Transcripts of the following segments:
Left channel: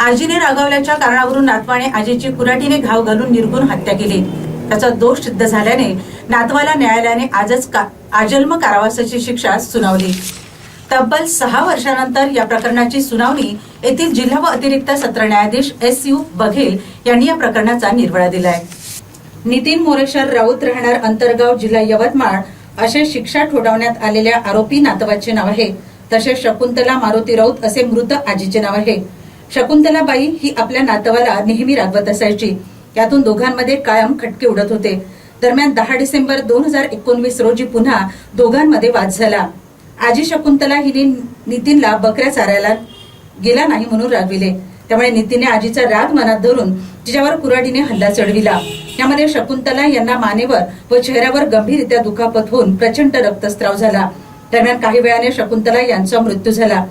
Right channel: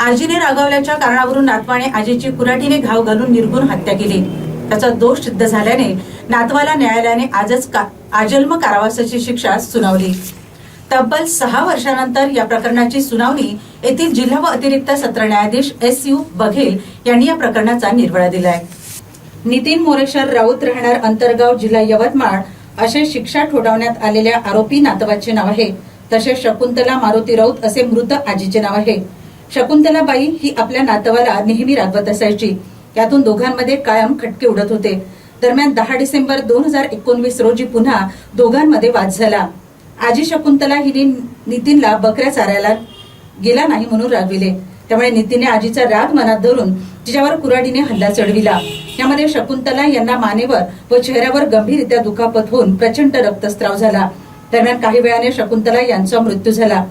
आजीने रागावल्याच्या कारणावरून नातवाने आजीची कुराटीने घाव घालून निर्गुण हत्या केली. त्याचा दोष सिद्ध झाल्याने नातवाला न्यायालयाने आजच का आजन्म कारावासाची शिक्षा सुनावली. तब्बल सहा वर्षानंतर या प्रकरणाची सुनावणी येथील जिल्हा व अतिरिक्त सत्र न्यायाधीश एस यू बघेल यांनी या प्रकरणाचा निर्वळा दिलाय. नितीन मोरेश्वर राऊत राहणार अंतरगाव जिल्हा यवतमाळ असे शिक्षा ठोठावण्यात आलेल्या आरोपी नातवाचे नाव आहे. तसेच शकुंतला मारुती राऊत असे मृत आजीचे नाव आहे. शकुंतलाबाई ही आपल्या नातवाला नेहमी रागवत असायची. यातून दोघांमध्ये कायम खटके उडत होते. दरम्यान दहा डिसेंबर दोन हजार एकोणवीस रोजी पुन्हा दोघांमध्ये वाद झाला. आजी शकुंतला हिने नितीनला बकऱ्या चारायला गेला नाही म्हणून रागविले. त्यामुळे नितीनने आजीचा राग मनात धरून तिच्यावर कुऱ्हाडीने हल्ला चढविला. यामध्ये शकुंतला यांना मानेवर व चेहऱ्यावर गंभीररित्या दुखापत होऊन प्रचंड रक्तस्राव झाला. दरम्यान काही वेळाने शकुंतला यांचा मृत्यू झाला.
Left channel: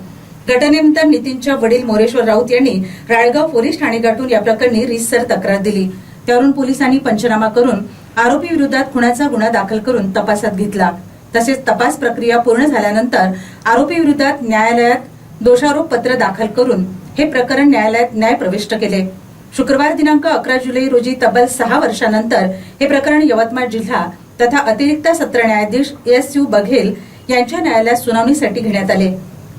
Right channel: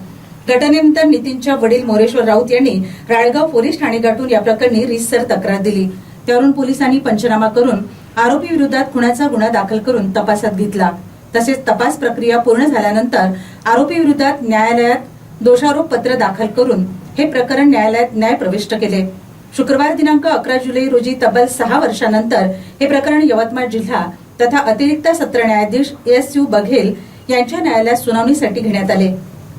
घटनेनंतर नितीनच्या वडील मोरेश्वर राऊत यांनी राळगाव पोलीस ठाणे गाठून या प्रकरणी रितसर तक्रार दिली. त्यावरून पोलिसांनी पंचनामा करून आरोपी विरोधात खुनाचा गुन्हा दाखल करून तपासात घेतला. तसेच तपास प्रक्रिया पूर्ण झाल्यानंतर आरोपी विरोधात न्यायालयात दोषारोप पत्र दाखल करून हे प्रकरण न्यायालयात न्याय प्रविष्ट केले. शुक्रवार दिनांक अकरा जुलै रोजी तब्बल सहा वर्षानंतर हे प्रकरण यवतमाळ जिल्हा तथा अतिरिक्त सत्र न्यायाधीश एस यू बघेल यांच्या न्यायालयात सुनावणीसाठी घेण्यात आले.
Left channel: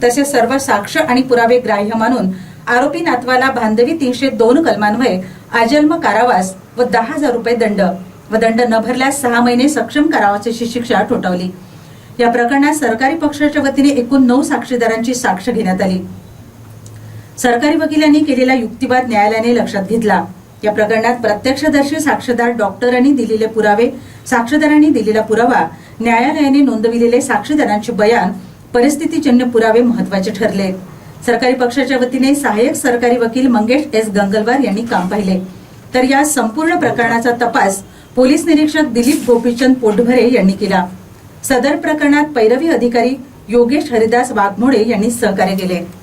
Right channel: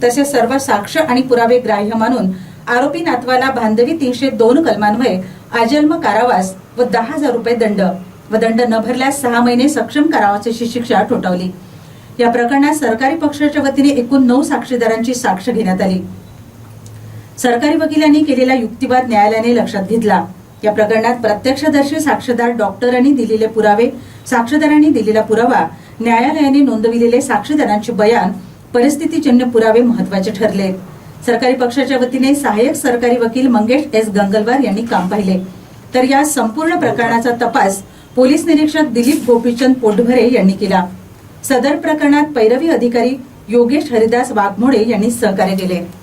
तसेच सर्व साक्ष आणि पुरावे ग्राह्य मानून आरोपी नातवाला बांधवी तीनशे दोन कलमान्वये आजन्म कारावास व दहा हजार रुपये दंड व दंड न भरल्यास सहा महिने सक्षम कारावासाची शिक्षा ठोठावली. या प्रकरणात सरकारी पक्षाच्या वतीने एकूण नऊ साक्षीदारांची साक्ष घेण्यात आली. सरकारी वकिलांनी केलेला युक्तिवाद न्यायालयाने लक्षात घेतला. या प्रकरणात प्रत्यक्षदर्शी साक्षीदार डॉक्टरांनी दिलेले पुरावे साक्षीदारांनी दिलेला पुरावा न्यायालयाने नोंदविलेले साक्षीदारांचे बयान परिस्थितीजन्य पुरावे महत्त्वाचे ठरले. सरकारी पक्षाच्या वतीने सहाय्यक सरकारी वकील मंगेश एस. गंगलवार यांनी काम पाहिले. तर या संपूर्ण प्रकरणाचा तपास पोलीस निरीक्षक दिलीप गोपीचंद पोटभरे यांनी केला. सदर प्रकरणात पैरवी अधिकारी योगेश हरिदास वाघमोडे यांनी सहकार्य केले.